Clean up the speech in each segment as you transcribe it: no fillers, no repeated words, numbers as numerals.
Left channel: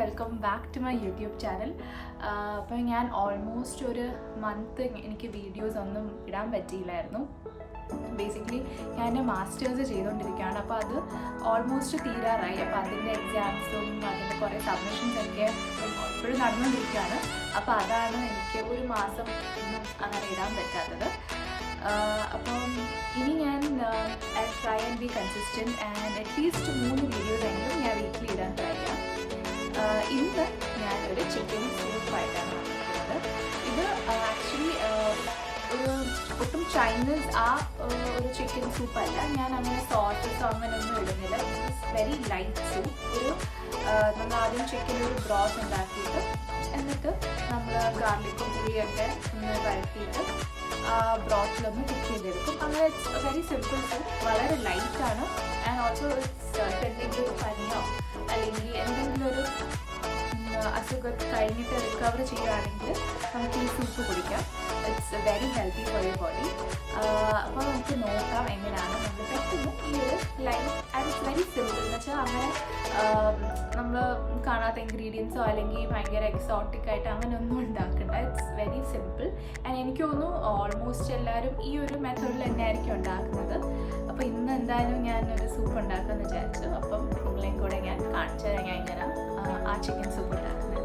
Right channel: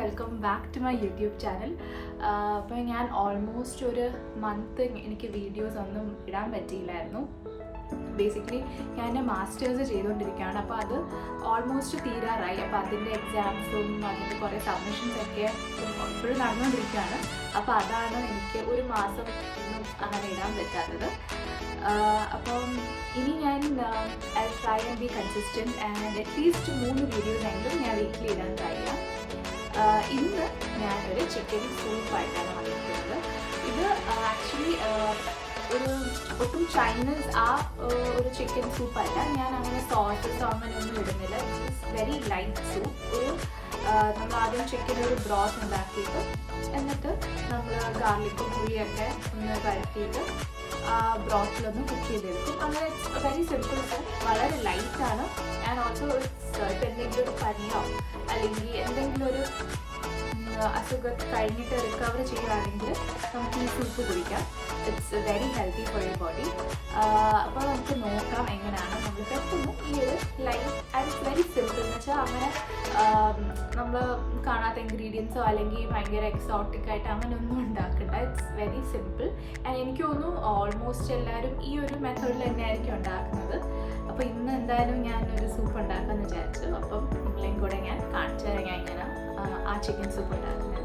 Welcome back to my YouTube channel. അപ്പോൾ ഞാൻ almost ഒരു മന്ത് എനിക്ക് വീഡിയോസ് ഒന്നും ഇടാൻ പറ്റിയില്ലായിരുന്നു. ബേസിക്കലി ഞാൻ എൻ്റെ മാസ്റ്റേഴ്സ് ചെയ്തുകൊണ്ടിരിക്കുകയാണ്. അപ്പോൾ അത് ഓൾമോസ്റ്റ് തീരാറായി. അപ്പോൾ അതിൻ്റെ എക്സാംസും അതിൻ്റെ കുറേ സബ്മിഷൻസൊക്കെ ഇപ്പോഴും നടന്നുകൊണ്ടിരിക്കുകയാണ്. അപ്പോൾ അതാണ് എനിക്ക് ഒരു മാസം ഒന്നും അങ്ങനെ ഇടാൻ പറ്റാത്തത്. അപ്പം ഇനി ഞാൻ I try and B consistent and at least 3 videos എങ്കിലും ഞാൻ വീക്കിലി ഇടാൻ ട്രൈ ചെയ്യാം. ഇന്ന് ഞാനൊരു ചിക്കൻ സൂപ്പായിട്ടാണ് വന്നിരിക്കുന്നത്. ഇത് ആക്ച്വലി ഒരു ഒട്ടും ചൈനീസ് ഒരു ചിക്കൻ സൂപ്പല്ല. ഞാൻ അങ്ങനെ സോസസോ അങ്ങനെയൊന്നും ഇടുന്നില്ല. It's very light soup. നമ്മൾ ആദ്യം ചിക്കൻ ഒരു ബ്രോത്ത് ഉണ്ടാക്കിയിട്ട് എന്നിട്ട് നമ്മൾ ഗാർലിക്കും പുളിയൊക്കെ ഒന്ന് വഴറ്റിയിട്ട് ബ്രോത്തിലൊന്ന് കുക്ക് ചെയ്തെടുക്കും. അങ്ങനെ ഇറ്റ്സ് വെരി സിമ്പിൾ സൂപ്പ്. വളരെ ലൈറ്റാണ്. ആൻഡ് ഓൾസോ ഇറ്റ്സ് എന്തെങ്കിലും ഒരു പനിയോ അല്ലെങ്കിൽ എന്തെങ്കിലും ഒരു അസുഖം കഴിഞ്ഞിട്ട് റിക്കവർ ചെയ്യുകയാണെങ്കിൽ നമുക്ക് ഈ സൂപ്പ് കുടിക്കാം. It's very healthy for your body. അപ്പോൾ നമുക്ക് നോക്കാം എങ്ങനെയാണ് നമ്മൾ പെട്ടെന്ന് ഈ ഒരു life and it's very simple എന്ന് വെച്ചാൽ അങ്ങനെ നമ്മൾ കാണാത്ത ഇൻഗ്രീഡിയൻസോ അല്ലെങ്കിൽ ഭയങ്കര എക്സോട്ടിക് ആയിട്ട് അങ്ങനെയൊന്നും ഉണ്ടാക്കണ്ട. It's very simple. ആൻഡ് എനിക്ക് തോന്നുന്നു ഓൾമോസ്റ്റ് എല്ലാവരും ഈ ഒരു മെത്തേഡിൽ തന്നെയായിരിക്കും ഉണ്ടാക്കുന്നത്. അപ്പോൾ ഇന്ന് എന്തായാലും ഞാനൊരു സൂപ്പ് ഉണ്ടാക്കാമെന്ന് വിചാരിച്ചു. അപ്പം നിങ്ങളെയും കൂടെ ഞാൻ കാണിച്ചു തരാം ഞാൻ ഇങ്ങനെ ആ ചിക്കൻ സൂപ്പ് ഉണ്ടാക്കുന്നത്.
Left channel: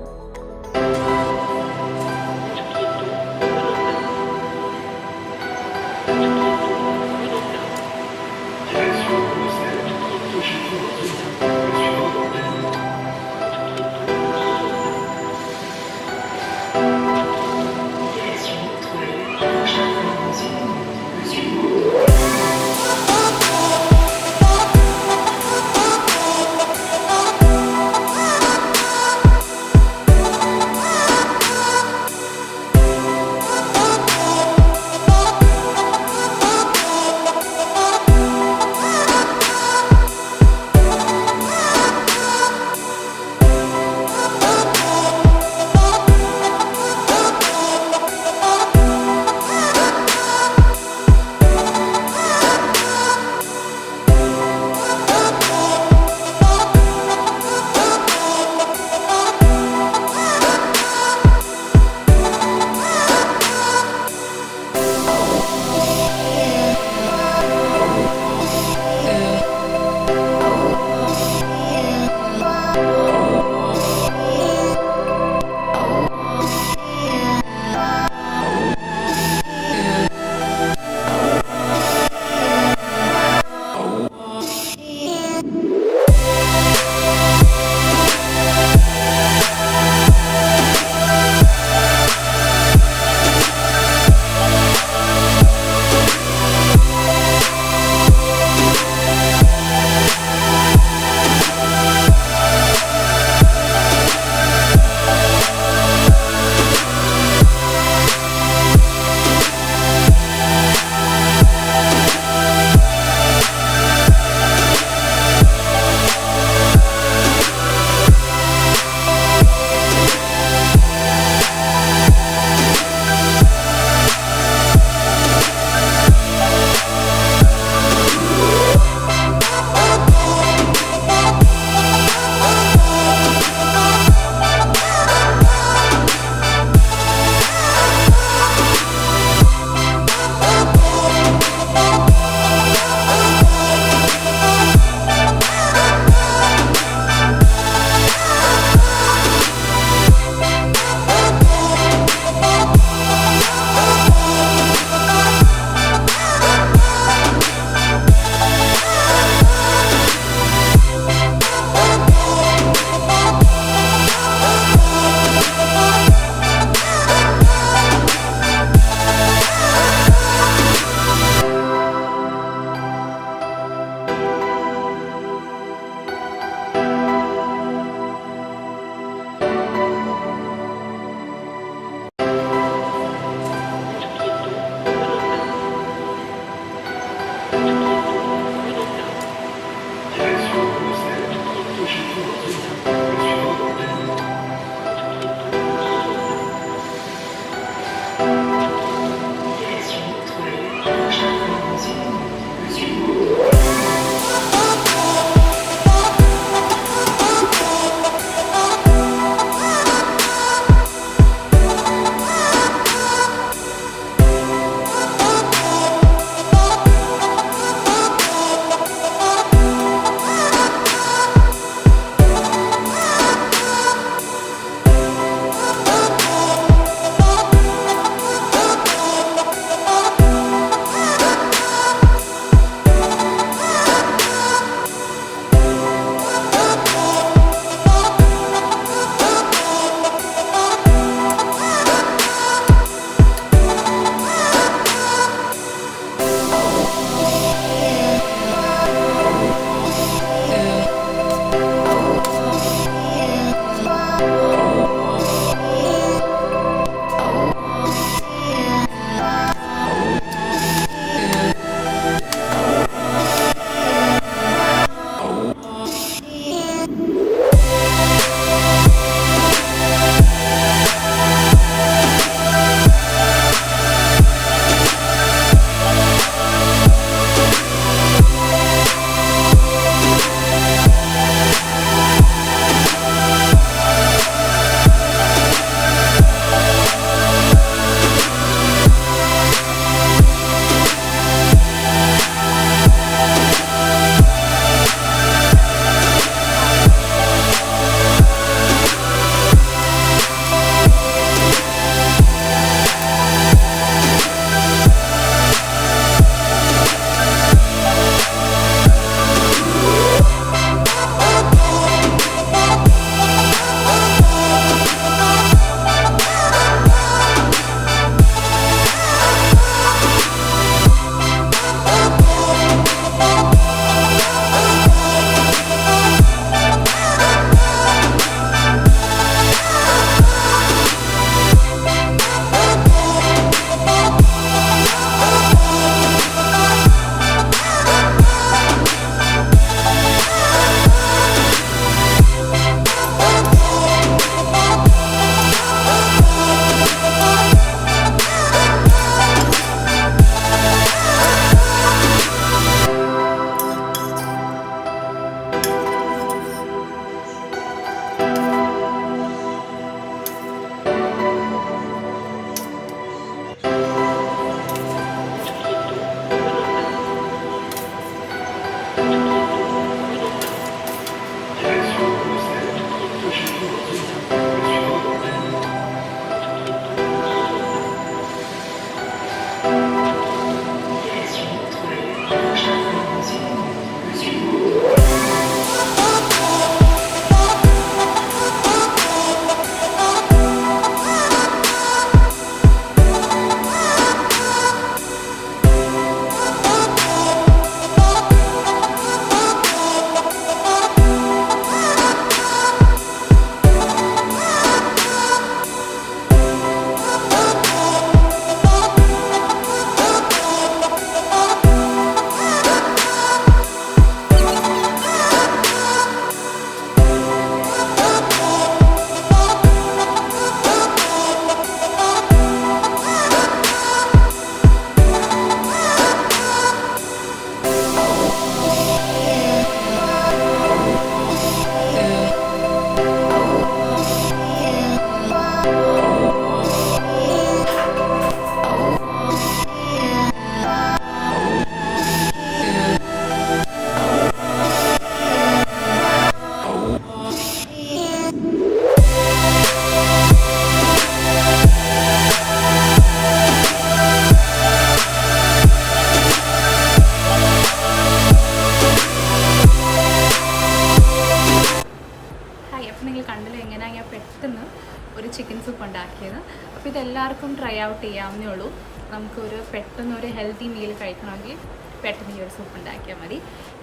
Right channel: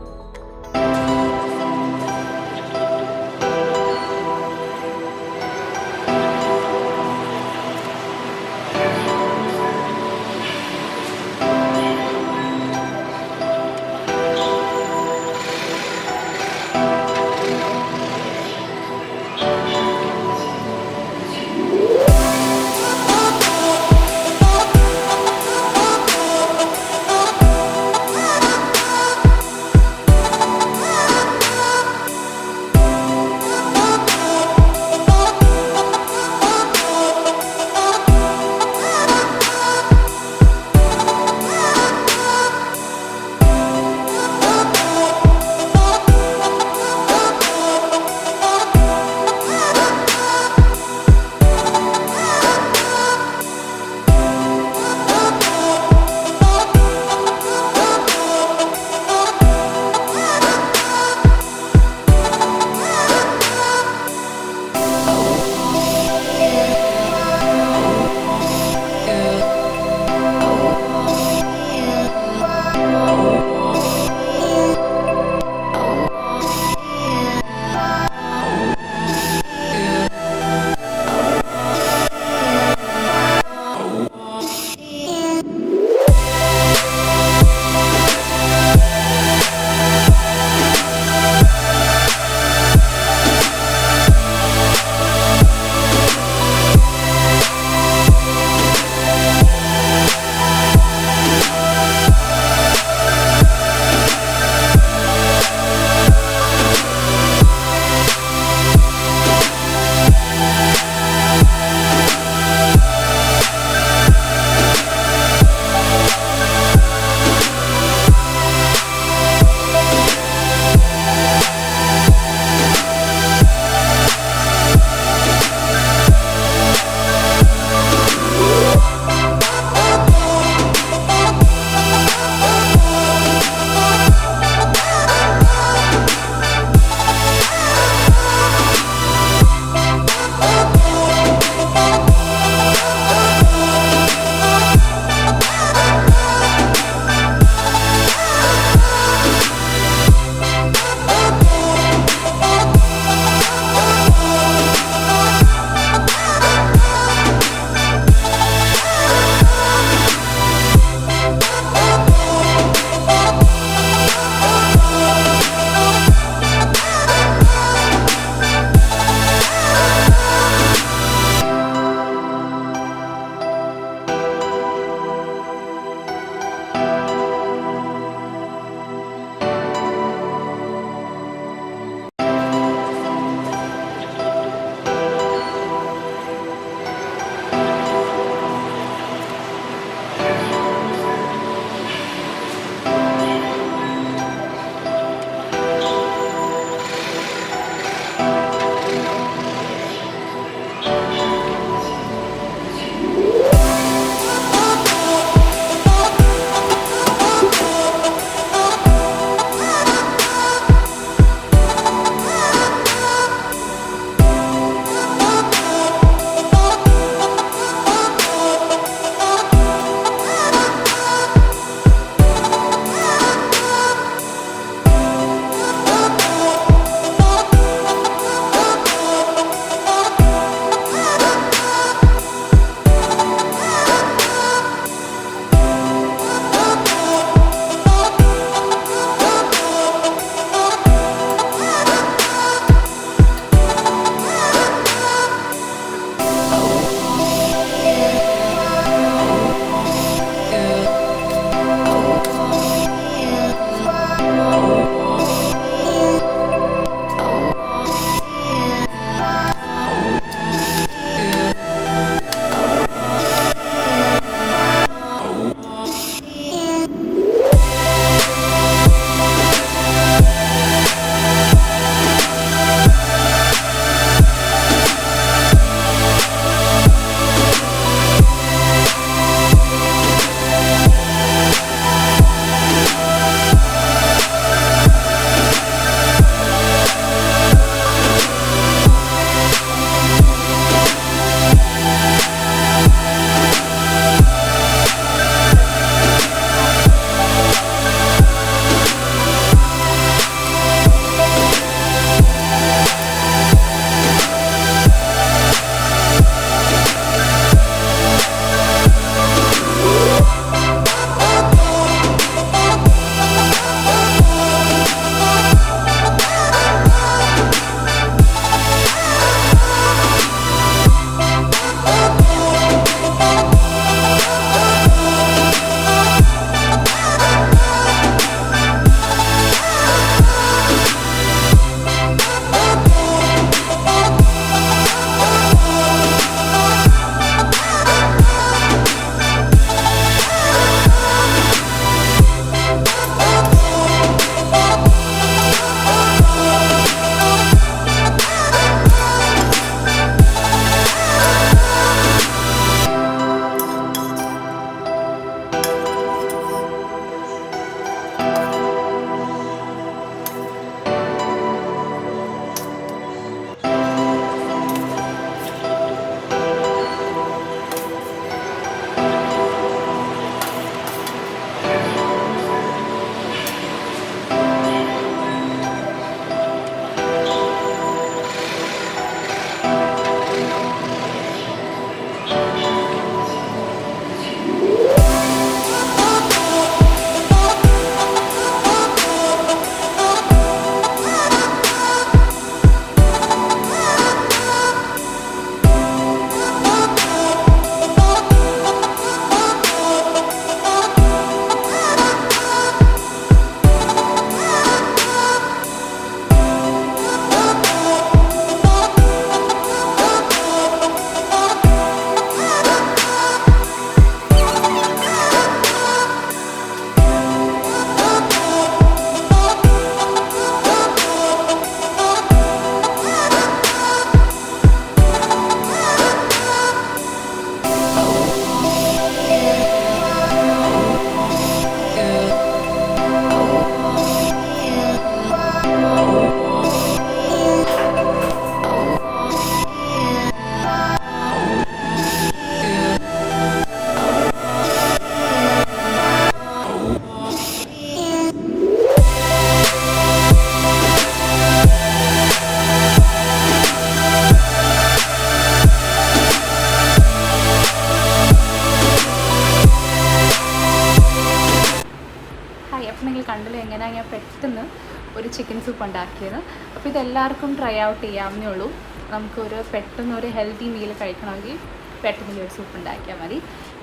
ചിക്കൻ സൂപ്പ് ഉണ്ടാക്കിയത്. അപ്പോൾ ഇതെല്ലാവർക്കും ട്രൈ ഔട്ട് ചെയ്യാവുന്നേ ഉള്ളൂ. നമുക്കൊരു പെട്ടെന്നൊരു ഹെൽത്തി മീൽ കഴിക്കണമെങ്കിൽ പെട്ടെന്ന് ഈ ഒരു സൂപ്പ് ഉണ്ടാക്കിയാൽ മതി.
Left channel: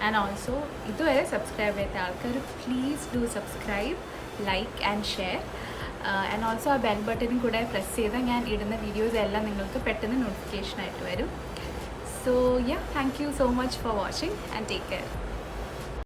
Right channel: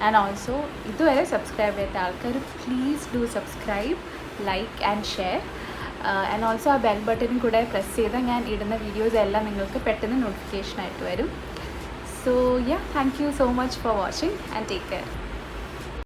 ആൻഡ് ഓൾസോ ഇതുവരെ സബ്സ്ക്രൈബ് ചെയ്യാത്ത ആൾക്കാർ please do subscribe, like and share. And also ആ ബെൽ ബട്ടനും കൂടെ പ്രസ് ചെയ്താൽ ഞാൻ ഇടുന്ന വീഡിയോസ് എല്ലാം നിങ്ങൾക്ക് പെട്ടെന്ന് നോട്ടിഫിക്കേഷൻ ആയിട്ട് വരും. So yeah, thank you so much for watching and take care.